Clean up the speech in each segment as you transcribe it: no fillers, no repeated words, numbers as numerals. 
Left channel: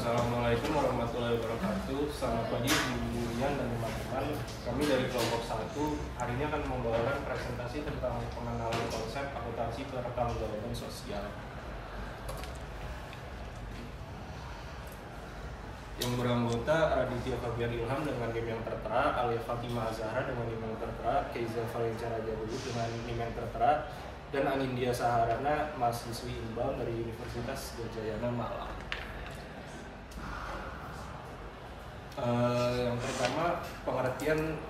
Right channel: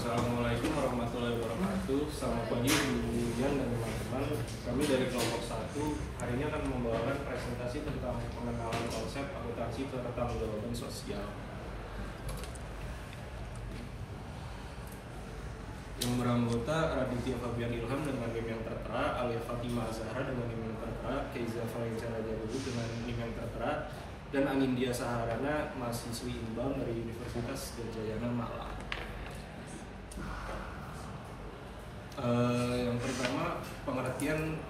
Assalamualaikum warahmatullahi wabarakatuh. Selamat pagi Bu Yan dan teman-teman. Kami dari kelompok 1 hari ini akan membawakan presentasi tentang pengenalan konsep akuntansi kebertanggungjawabaan sosial. Yang beranggota Raditya Fabian Ilham dengan NIM yang tertera, Alif Fatimah Azhara dengan NIM yang tertera, Keiza Valenca Rajalugu dengan NIM yang tertera, dan Anindya Saharana mahasiswi Imbal dari Universitas Gadjayana Malang. Yang pertama, pengertian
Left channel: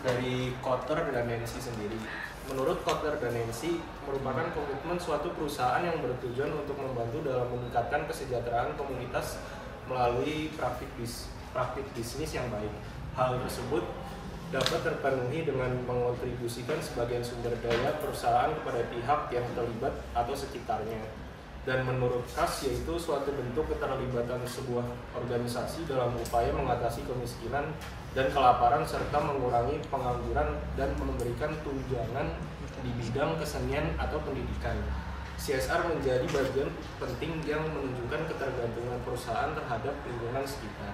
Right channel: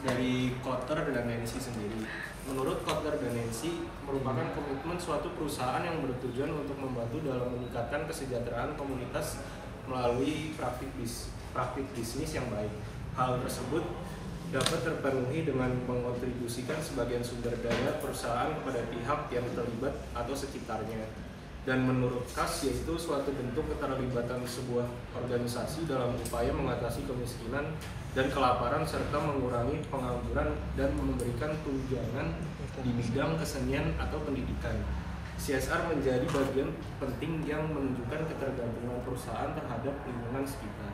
dari Kotler dan Nancy sendiri. Menurut Kotler dan Nancy, merupakan komitmen suatu perusahaan yang bertujuan untuk membantu dalam meningkatkan kesejahteraan komunitas melalui praktik bisnis yang baik. Hal tersebut dapat terpenuhi dengan mengontribusikan sebagian sumber daya perusahaan kepada pihak yang terlibat atau sekitarnya. Dan menurut Kas, yaitu suatu bentuk keterlibatan sebuah organisasi dalam upaya mengatasi kemiskinan dan kelaparan serta mengurangi pengangguran dan memberikan tunjangan di bidang kesenian atau pendidikan. CSR menjadi bagian penting yang menunjukkan ketergantungan perusahaan terhadap lingkungan sekitar.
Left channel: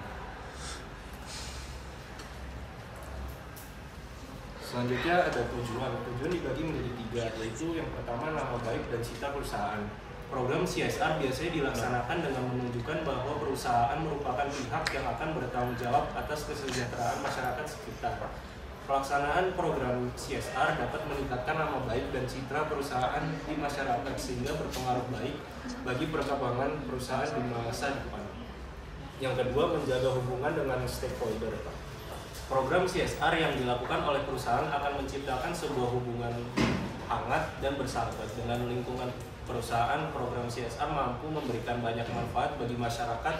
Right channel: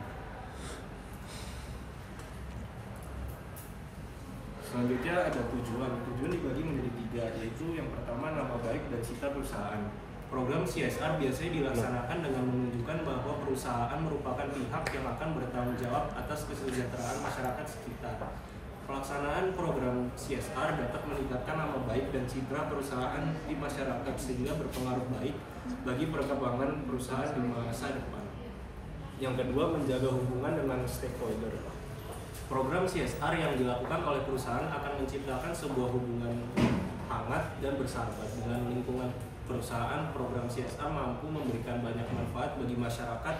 Selanjutnya ada tujuan. Tujuan dibagi menjadi 3, yaitu yang pertama nama baik dan citra perusahaan. Program CSR biasanya dilaksanakan dengan menunjukkan bahwa perusahaan merupakan pihak yang akan bertanggung jawab atas kesejahteraan masyarakat sekitar. Pelaksanaan program CSR dapat meningkatkan nama baik dan citra perusahaan di masyarakat sehingga berpengaruh baik bagi perkembangan perusahaan di masa depan. Yang kedua, menjaga hubungan dengan stakeholder. Program CSR yang dilakukan oleh perusahaan akan menciptakan sebuah hubungan hangat dan bersahabat dengan lingkungan perusahaan. Program CSR mampu memberikan banyak manfaat bagi masyarakat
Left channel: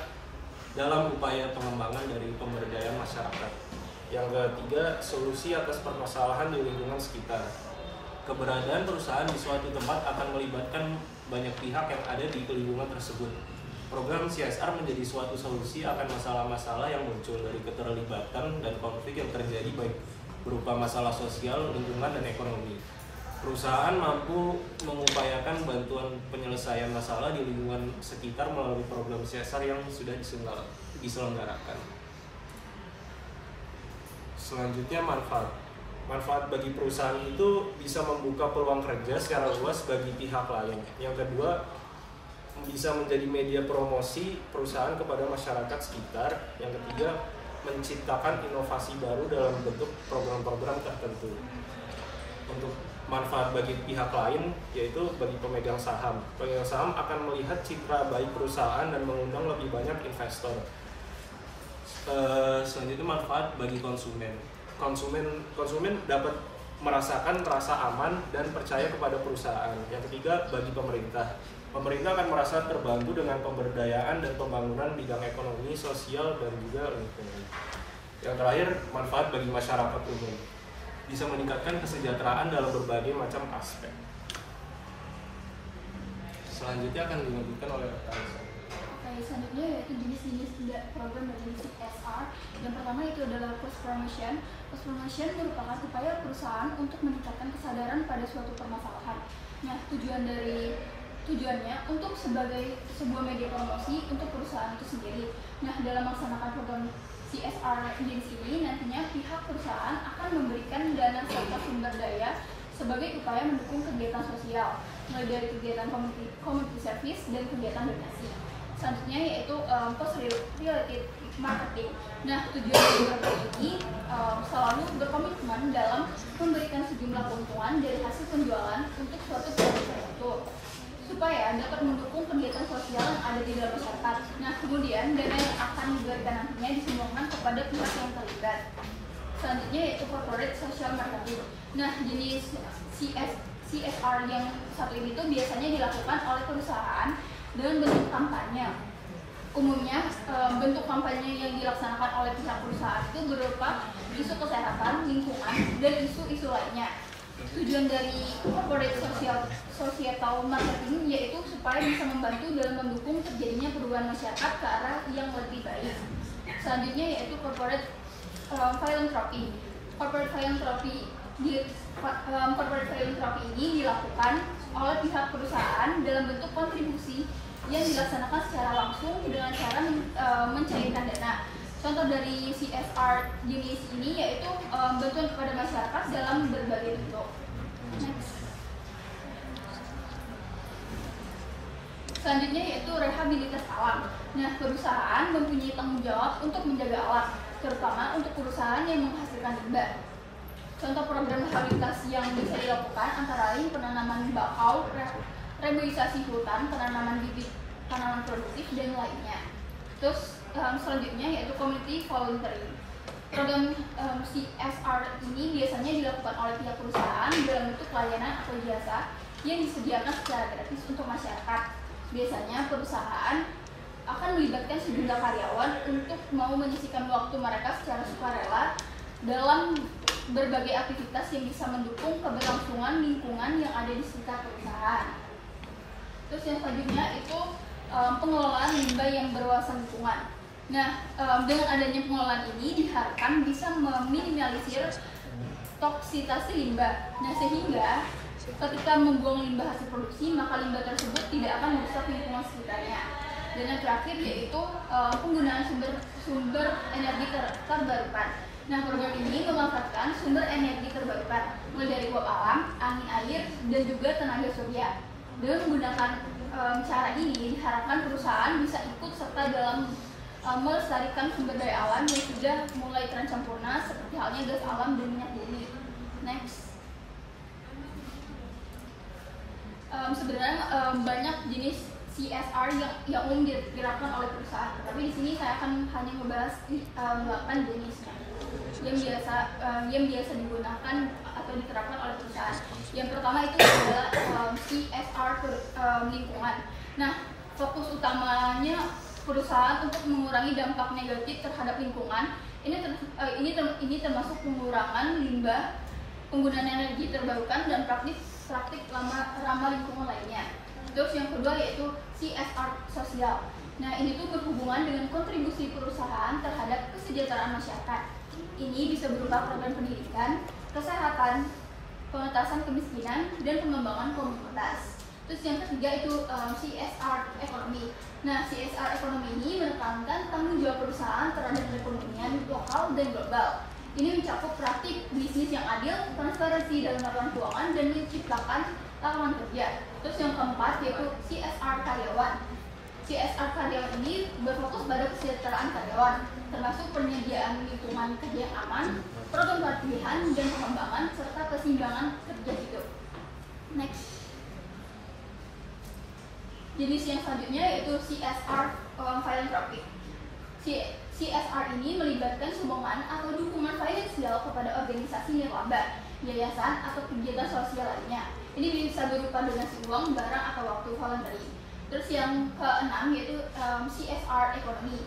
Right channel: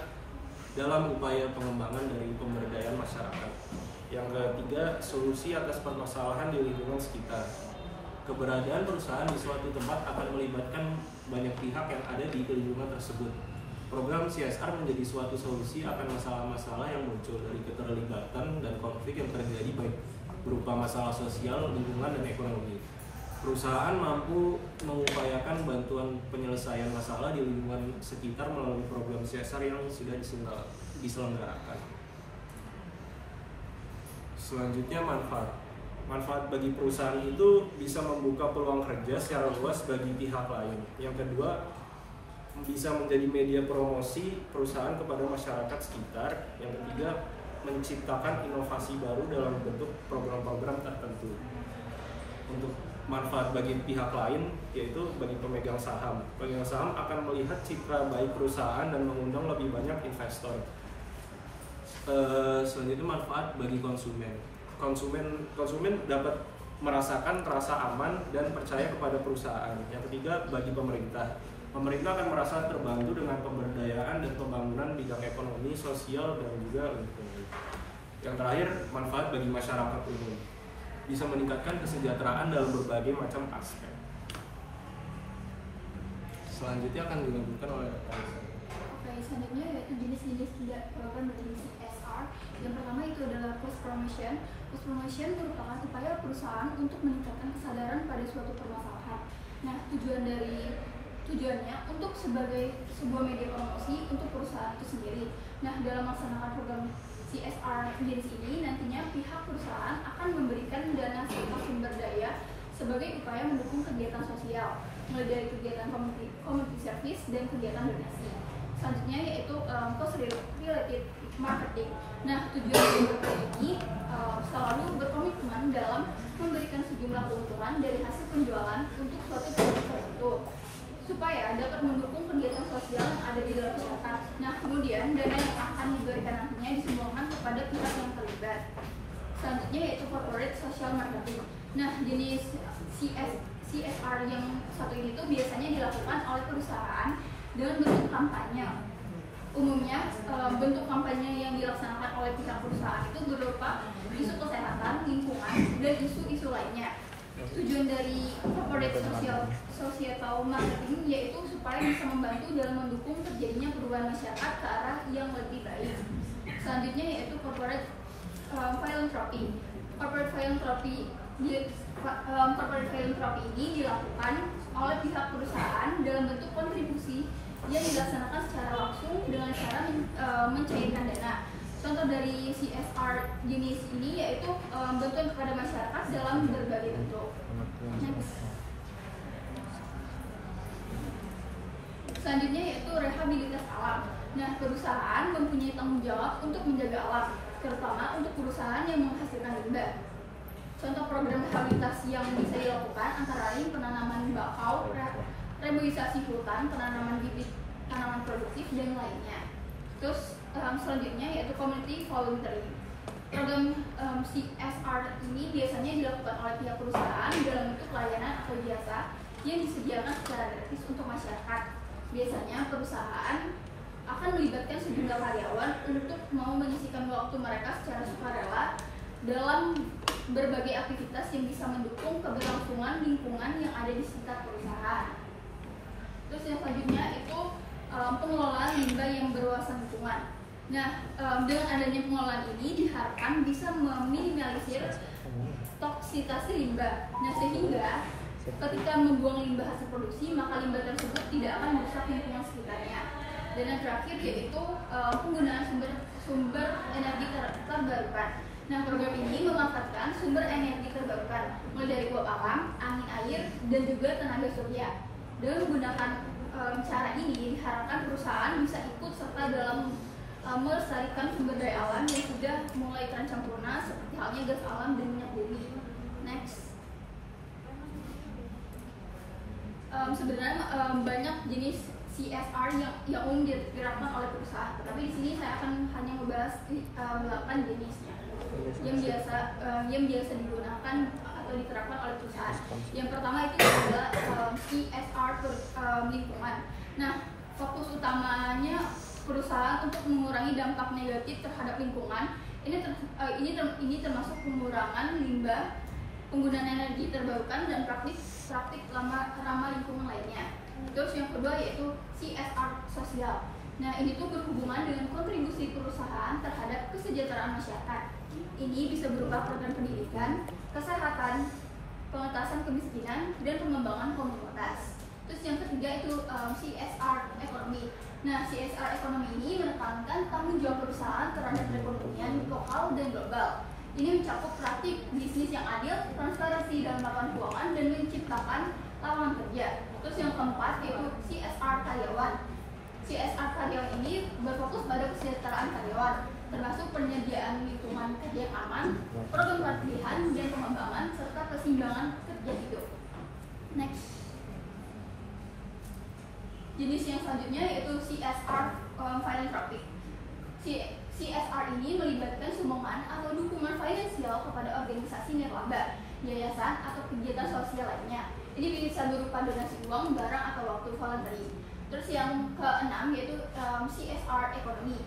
dalam upaya pengembangan dari pemberdayaan masyarakat. Yang ketiga, solusi atas permasalahan di lingkungan sekitar. Keberadaan perusahaan di suatu tempat akan melibatkan banyak pihak yang ada di lingkungan tersebut. Program CSR menjadi suatu solusi akan masalah-masalah yang muncul dari keterlibatan dan konflik yang terjadi baik berupa masalah sosial, lingkungan, dan ekonomi. Perusahaan mampu mengupayakan bantuan penyelesaian masalah di lingkungan sekitar melalui program CSR yang sudah diselenggarakan. Selanjutnya, manfaat. Manfaat bagi perusahaan itu bisa membuka peluang kerja secara luas bagi pihak lain. Yang kedua, bisa menjadi media promosi perusahaan kepada masyarakat sekitar. Yang ketiga, menciptakan inovasi baru dalam bentuk program-program tertentu. Untuk manfaat bagi pihak lain, yaitu bagi pemegang saham. Pemegang saham akan melihat citra baik perusahaan dan mengundang lebih banyak investor. Selanjutnya, manfaat bagi konsumen. Konsumen dapat merasakan rasa aman dan percaya kepada perusahaan. Yang ketiga, bagi pemerintah. Pemerintah akan merasa terbantu dengan pemberdayaan dan pembangunan bidang ekonomi, sosial, dan juga lingkungan. Yang terakhir, manfaat bagi masyarakat umum. Bisa meningkatkan kesejahteraan dalam berbagai macam aspek. Selanjutnya akan dilanjutkan oleh Talisa. Oke, selanjutnya yaitu jenis-jenis program dari CSR. Yang pertama itu adalah post promotion. Post promotion merupakan upaya perusahaan untuk meningkatkan kesadaran pada suatu permasalahan. Nah, tujuannya untuk sebagai sebuah media promosi untuk perusahaan itu sendiri. Nah, dalam melaksanakan program CSR jenis ini, nantinya pihak perusahaan akan memberikan dana serta sumber daya sebagai upaya mendukung kegiatan sosial, mulai dari kegiatan community service dan kegiatan donasi. Selanjutnya yaitu post-related marketing. Nah, tujuan dari program ini selalu berkomitmen dalam memberikan sejumlah keuntungan dari hasil penjualan untuk suatu produk tertentu, supaya dapat mendukung kegiatan sosial yang ada di dalam masyarakat. Nah, kemudian dana yang akan diberikan nantinya disumbangkan kepada pihak yang terlibat. Selanjutnya yaitu corporate social marketing. Nah, jenis CSR yang satu ini tuh biasanya dilakukan oleh perusahaan dalam bentuk kampanye. Umumnya bentuk kampanye yang dilaksanakan oleh pihak perusahaan itu berupa isu kesehatan, lingkungan, dan isu-isu lainnya. Tujuan dari corporate societal marketing yaitu supaya bisa membantu dalam mendukung terjadinya perubahan masyarakat ke arah yang lebih baik. Selanjutnya yaitu corporate philanthropy. Corporate philanthropy ini dilakukan oleh pihak perusahaan dalam bentuk kontribusi yang dilaksanakan secara langsung dengan cara mencairkan dana. Contoh dari CSR jenis ini yaitu bantuan kepada masyarakat dalam berbagai bentuk. Selanjutnya yaitu rehabilitas alam. Nah, perusahaan mempunyai tanggung jawab untuk menjaga alam, terutama untuk perusahaan yang menghasilkan limbah. Contoh program rehabilitasi yang bisa dilakukan antara lain penanaman bakau, reboisasi hutan, penanaman bibit tanaman produktif, dan lainnya. Terus selanjutnya yaitu community volunteering. Program CSR ini biasanya dilakukan oleh pihak perusahaan dalam bentuk layanan atau jasa yang disediakan secara gratis untuk masyarakat. Biasanya perusahaan akan melibatkan sejumlah karyawan untuk mau menyisihkan waktu mereka secara sukarela dalam berbagai aktivitas yang bisa mendukung keberlangsungan lingkungan yang ada di sekitar perusahaan. Terus yang selanjutnya itu pengelolaan limbah yang berwawasan lingkungan. Nah, dengan adanya pengelolaan ini diharapkan bisa meminimalisir toksitas limbah. Nah, sehingga ketika membuang limbah hasil produksi, maka limbah tersebut tidak akan merusak lingkungan sekitarnya. Dan yang terakhir yaitu penggunaan sumber energi terbarukan. Nah, program ini memanfaatkan sumber energi terbarukan, mulai dari uap alam, angin air, dan juga tenaga surya. Dengan menggunakan cara ini, diharapkan perusahaan bisa ikut serta dalam melestarikan sumber daya alam yang sudah mulai terancam punah, seperti halnya gas alam dan minyak bumi. Next. Sebenarnya banyak jenis CSR yang umum diterapkan oleh perusahaan, tetapi di sini saya akan hanya membahas 8 jenis yang biasa digunakan atau diterapkan oleh perusahaan. Yang pertama itu adalah CSR lingkungan. Nah, fokus utamanya perusahaan untuk mengurangi dampak negatif terhadap lingkungan. Ini termasuk pengurangan limbah, penggunaan energi terbarukan, dan praktik ramah lingkungan lainnya. Terus yang kedua yaitu CSR sosial. Nah, ini tuh berhubungan dengan kontribusi perusahaan terhadap kesejahteraan masyarakat. Ini bisa berupa program pendidikan, kesehatan, pengentasan kemiskinan, dan pengembangan komunitas. Terus yang ketiga itu CSR ekonomi. Nah, CSR ekonomi ini menekankan tanggung jawab perusahaan terhadap perekonomian lokal dan global. Ini mencakup praktik bisnis yang adil, transparansi dalam laporan keuangan, dan menciptakan lapangan kerja. Terus yang keempat yaitu CSR karyawan. CSR karyawan ini berfokus pada kesejahteraan karyawan, termasuk penyediaan lingkungan kerja yang aman, program pelatihan dan pengembangan, serta keseimbangan kerja hidup. Next. Jenis yang selanjutnya yaitu CSR philanthropic. CSR ini melibatkan sumbangan atau dukungan finansial kepada organisasi nirlaba, yayasan, atau kegiatan sosial lainnya. Ini bisa berupa donasi uang, barang, atau waktu voluntary. Terus yang keenam yaitu CSR ekonomi.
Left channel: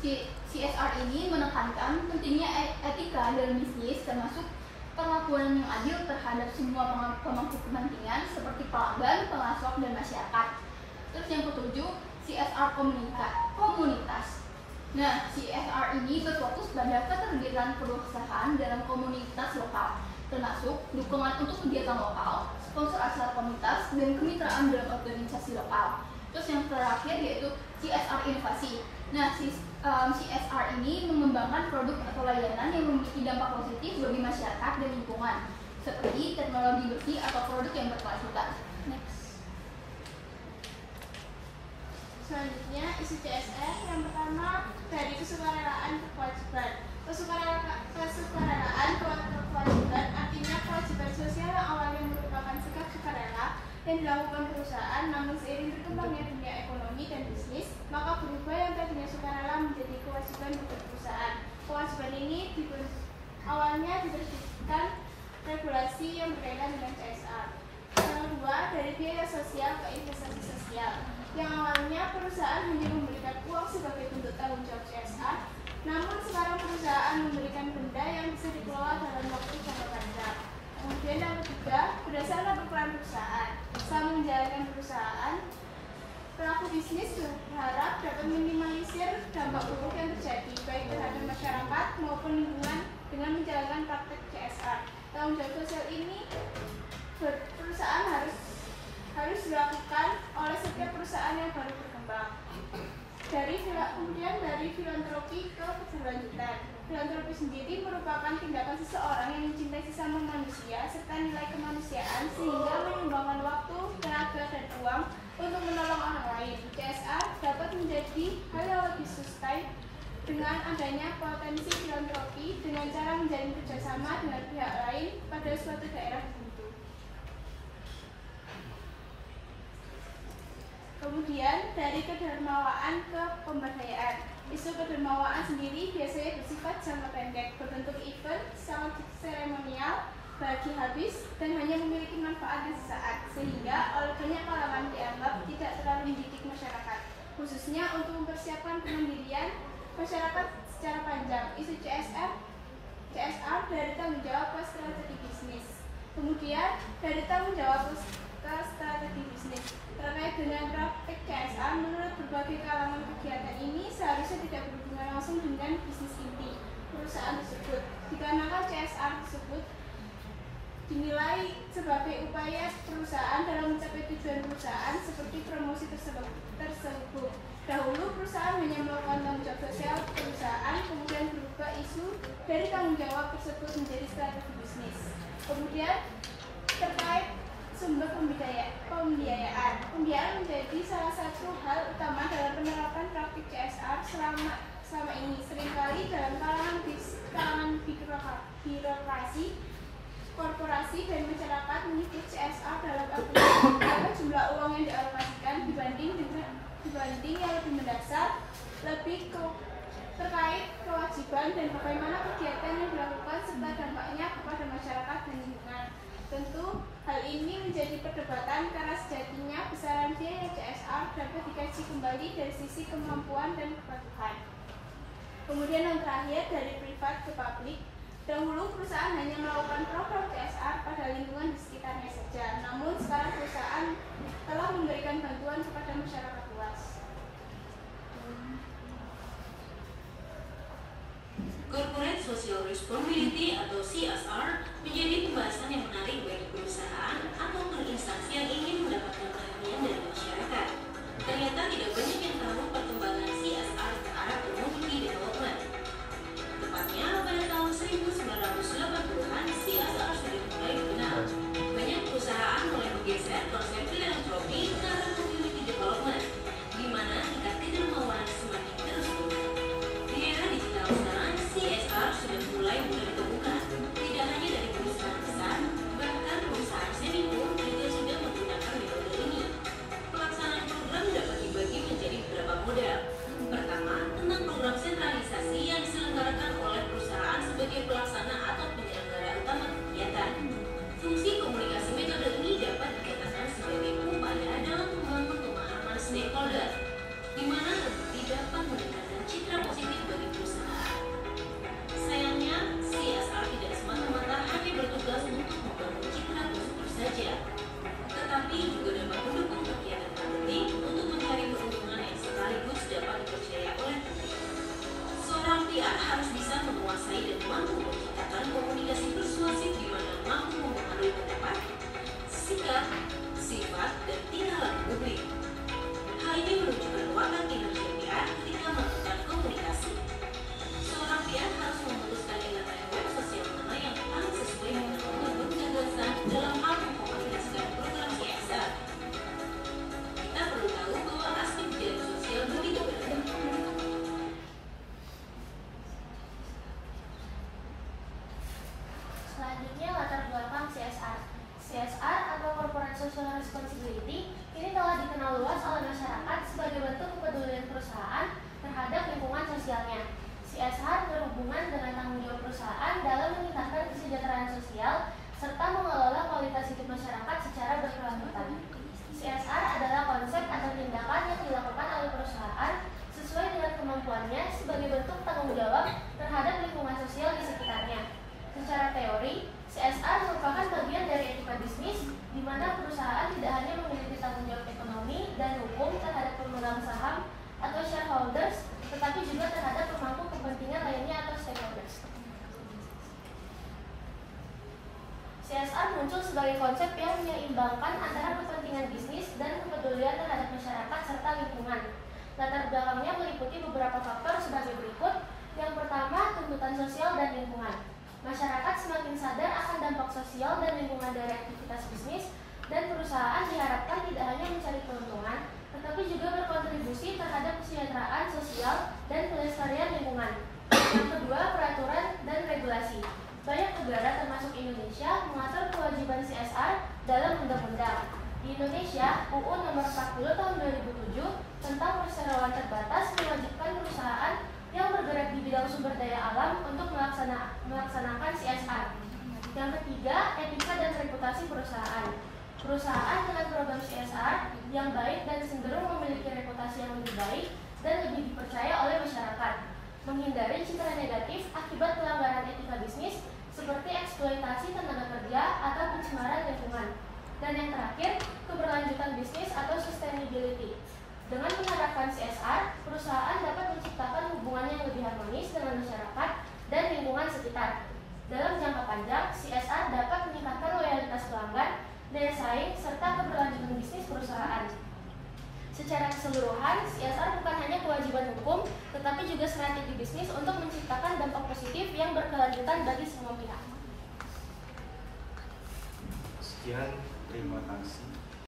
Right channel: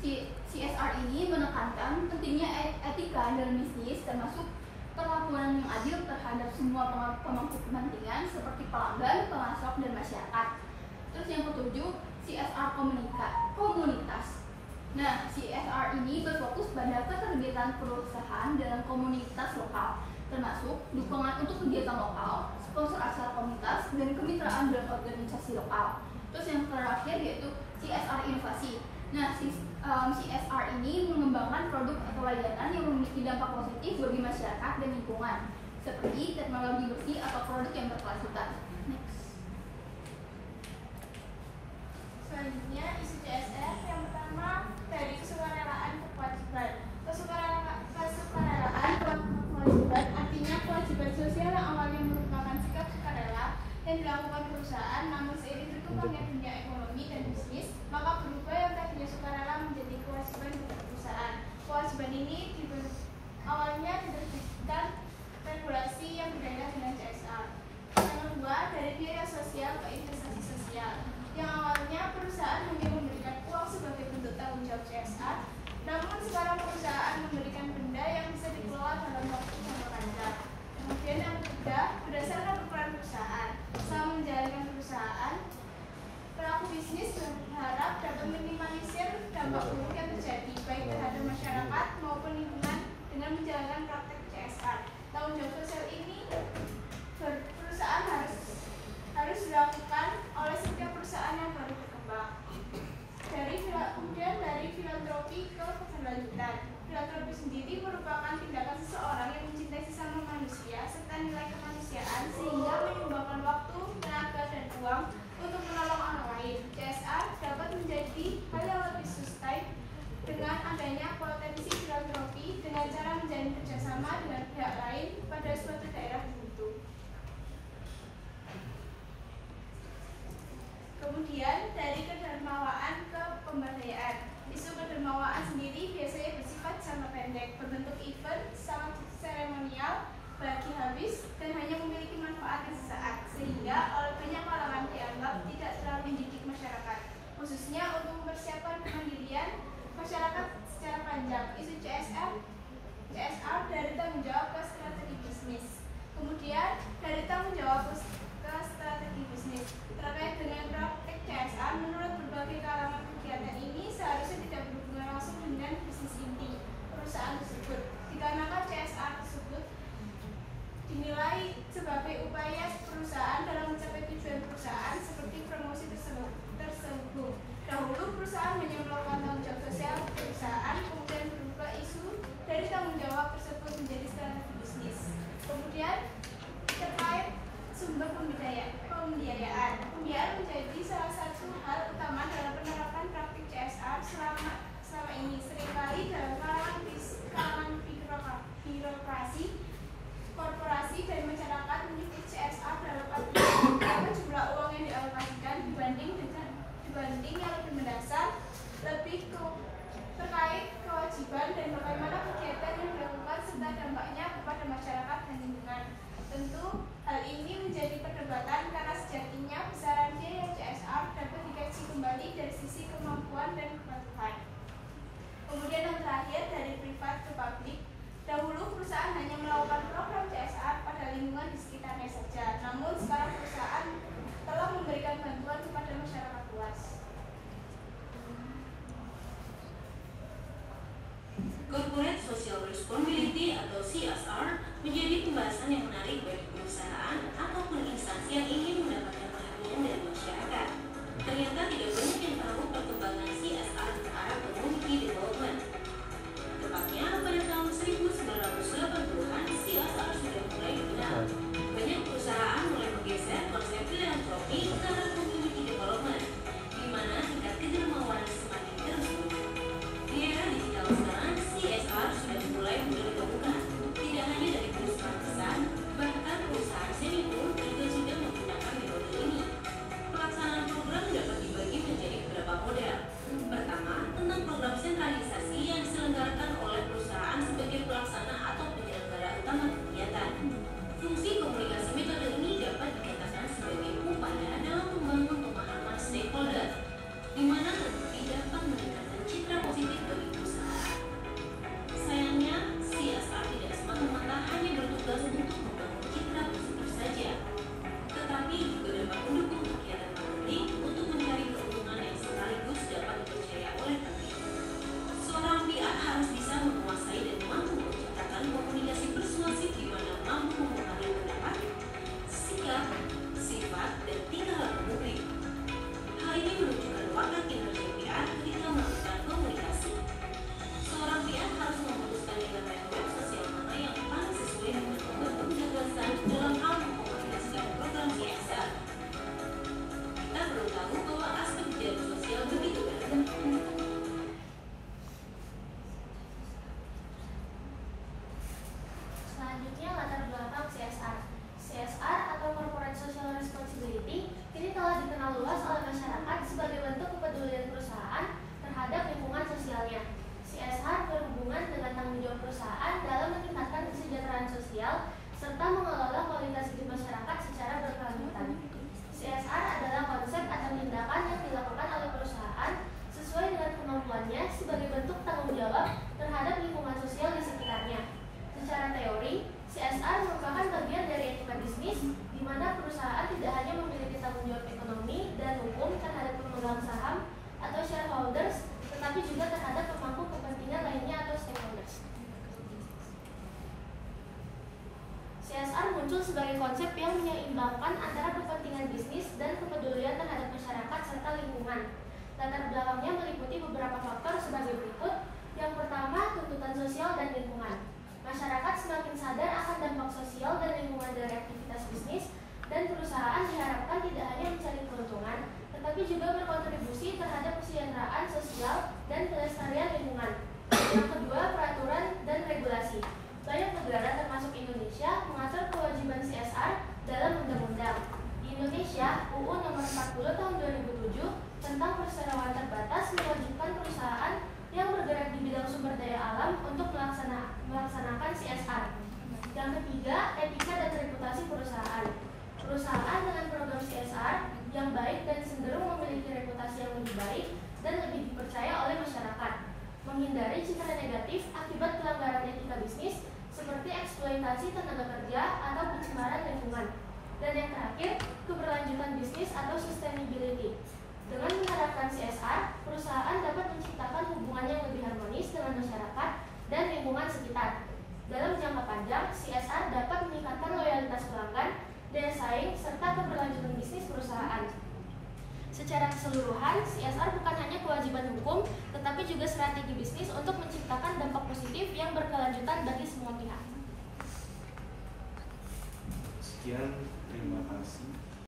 CSR ini menekankan pentingnya etika dalam bisnis, termasuk perlakuan yang adil terhadap semua pemangku kepentingan seperti pelanggan, pemasok, dan masyarakat. Terus yang ketujuh, CSR komunitas. Nah, CSR ini berfokus pada keterlibatan perusahaan dalam komunitas lokal, termasuk dukungan untuk kegiatan lokal, sponsor acara komunitas, dan kemitraan dalam organisasi lokal. Terus yang terakhir yaitu CSR inovasi. Nah, CSR ini mengembangkan produk atau layanan yang memiliki dampak positif bagi masyarakat dan lingkungan, seperti teknologi bersih atau produk yang berkelanjutan. Next. Selanjutnya isu CSR. Yang pertama dari kesukarelaan ke kewajiban. Kesukarelaan ke kewajiban artinya kewajiban sosial yang awalnya merupakan sikap sukarela yang dilakukan perusahaan, namun seiring berkembangnya dunia ekonomi dan bisnis, maka berubah yang tadinya sukarela menjadi kewajiban bagi perusahaan. Kewajiban ini awalnya diterbitkan regulasi yang berkaitan dengan CSR. Yang kedua, dari biaya sosial ke investasi sosial. Yang awalnya perusahaan hanya memberikan uang sebagai bentuk tanggung jawab CSR, namun sekarang perusahaan memberikan benda yang bisa dikelola dalam waktu jangka panjang. Kemudian yang ketiga, berdasarkan ukuran perusahaan. Selama menjalankan perusahaan, pelaku bisnis berharap dapat meminimalisir dampak buruk yang terjadi baik terhadap masyarakat maupun lingkungan dengan menjalankan praktek CSR. Tanggung jawab sosial ini perusahaan harus dilakukan oleh setiap perusahaan yang baru Kemudian dari filantropi ke keberlanjutan. Filantropi sendiri merupakan tindakan seseorang yang mencintai sesama manusia serta nilai kemanusiaan sehingga menyumbangkan waktu, tenaga, dan uang untuk menolong orang lain. CSR dapat menjadi hal yang lebih sustain dengan adanya potensi filantropi dengan cara menjalin kerjasama dengan pihak lain pada suatu daerah tertentu. Kemudian dari kedermawaan ke pemberdayaan. Isu kedermawaan sendiri biasanya bersifat jangka pendek, berbentuk event, sangat seremonial, bagi habis, dan hanya memiliki manfaat yang sesaat, sehingga oleh banyak kalangan dianggap tidak terlalu mendidik masyarakat, khususnya untuk mempersiapkan kemandirian masyarakat secara panjang. Isu CSR dari tanggung jawab ke strategi bisnis. Kemudian dari tanggung jawab ke strategi bisnis. Terkait dengan praktik CSR, menurut berbagai kalangan kegiatan ini seharusnya tidak berhubungan langsung dengan bisnis inti perusahaan tersebut, dikarenakan CSR tersebut dinilai sebagai upaya perusahaan dalam mencapai tujuan perusahaan seperti promosi terselubung. Dahulu perusahaan hanya melakukan tanggung jawab sosial perusahaan, kemudian berubah isu dari tanggung jawab tersebut menjadi strategi bisnis. Kemudian terkait sumber pembiayaan. Pembiayaan menjadi salah satu hal utama dalam penerapan praktik CSR selama ini. Seringkali dalam kalangan birokrasi, korporasi, dan masyarakat menyebut CSR dalam arti berapa jumlah uang yang dialokasikan dibanding yang lebih mendasar, lebih terkait kewajiban dan bagaimana kegiatan yang dilakukan serta dampaknya kepada masyarakat dan lingkungan. Tentu hal ini menjadi perdebatan karena sejatinya besaran biaya CSR dapat dikaji kembali dari sisi kemampuan dan kepatuhan. Kemudian yang terakhir dari privat ke publik. Dahulu perusahaan hanya melakukan program CSR pada lingkungan di sekitarnya saja, namun sekarang perusahaan telah memberikan bantuan kepada masyarakat luas. Corporate Social Responsibility atau CSR menjadi pembahasan yang menarik bagi perusahaan ataupun instansi yang ingin mendapatkan perhatian dari masyarakat. Ternyata tidak banyak yang tahu perkembangan CSR ke arah community development. Tepatnya pada tahun 1980-an, CSR sudah mulai dikenal. Banyak perusahaan mulai menggeser konsep filantropi ke arah community development, di mana tingkat kedermawanan semakin terus meningkat. Di era digital sekarang, CSR sudah mulai menjadi kebutuhan, tidak hanya dari perusahaan besar, bahkan perusahaan semi pun juga sudah menggunakan metode ini. Pelaksanaan program dapat dibagi menjadi beberapa model. Pertama, tentang program sentralisasi yang diselenggarakan oleh perusahaan sebagai pelaksana atau penyelenggara utama kegiatan. Fungsi komunikasi metode ini dapat dikatakan sebagai upaya dalam membangun pemahaman stakeholder, di mana nanti dapat meningkatkan citra positif bagi perusahaan. Sayangnya, CSR tidak semata-mata hanya bertugas untuk membangun citra positif saja, tetapi juga dapat mendukung kegiatan marketing untuk mencari keuntungan yang sekaligus dapat dipercaya oleh publik. Seorang PR harus bisa menguasai dan mampu menciptakan komunikasi persuasif di mana mampu mempengaruhi pendapat, sikap, sifat, dan tingkah laku publik. Hal ini menunjukkan watak kinerja PR ketika melakukan komunikasi. Seorang PR harus memutuskan elemen sosial mana yang paling sesuai untuk gagasan dalam hal mengkomunikasikan program CSR. Kita perlu tahu bahwa aspek kegiatan sosial begitu beragam. Selanjutnya, latar belakang CSR. CSR atau Corporate Social Responsibility ini telah dikenal luas oleh masyarakat sebagai bentuk kepedulian perusahaan terhadap lingkungan sosialnya. CSR berhubungan dengan tanggung jawab perusahaan dalam meningkatkan kesejahteraan sosial serta mengelola kualitas hidup masyarakat secara berkelanjutan. CSR adalah konsep atau tindakan yang dilakukan oleh perusahaan sesuai dengan kemampuannya sebagai bentuk tanggung jawab terhadap lingkungan sosial di sekitarnya. Secara teori, CSR merupakan bagian dari etika bisnis, di mana perusahaan tidak hanya memiliki tanggung jawab ekonomi dan hukum terhadap pemegang saham atau shareholders, tetapi juga terhadap pemangku kepentingan lainnya atau stakeholders. CSR muncul sebagai konsep yang menyeimbangkan antara kepentingan bisnis dan kepedulian terhadap masyarakat serta lingkungan. Latar belakangnya meliputi beberapa faktor sebagai berikut. Yang pertama, tuntutan sosial dan lingkungan. Masyarakat semakin sadar akan dampak sosial dan lingkungan dari aktivitas bisnis, dan perusahaan diharapkan tidak hanya mencari keuntungan, tetapi juga berkontribusi terhadap kesejahteraan sosial dan pelestarian lingkungan. Yang kedua, peraturan dan regulasi. Banyak negara termasuk Indonesia mengatur kewajiban CSR dalam undang-undang. Di Indonesia, UU Nomor 40 Tahun 2007 tentang perseroan terbatas mewajibkan perusahaan yang bergerak di bidang sumber daya alam untuk melaksanakan CSR. Yang ketiga, etika dan reputasi perusahaan. Perusahaan dengan program CSR yang baik dan cenderung memiliki reputasi yang lebih baik dan lebih dipercaya oleh masyarakat. Menghindari citra negatif akibat pelanggaran etika bisnis seperti eksploitasi tenaga kerja atau pencemaran lingkungan. Dan yang terakhir, keberlanjutan bisnis atau sustainability. Dengan menerapkan CSR, perusahaan dapat menciptakan hubungan yang lebih harmonis dengan masyarakat dan lingkungan sekitar. Dalam jangka panjang, CSR dapat meningkatkan loyalitas pelanggan, daya saing, serta keberlanjutan bisnis perusahaan. Secara keseluruhan, CSR bukan hanya kewajiban hukum, tetapi juga strategi bisnis untuk menciptakan dampak positif yang berkelanjutan bagi semua pihak. Sekian, terima kasih.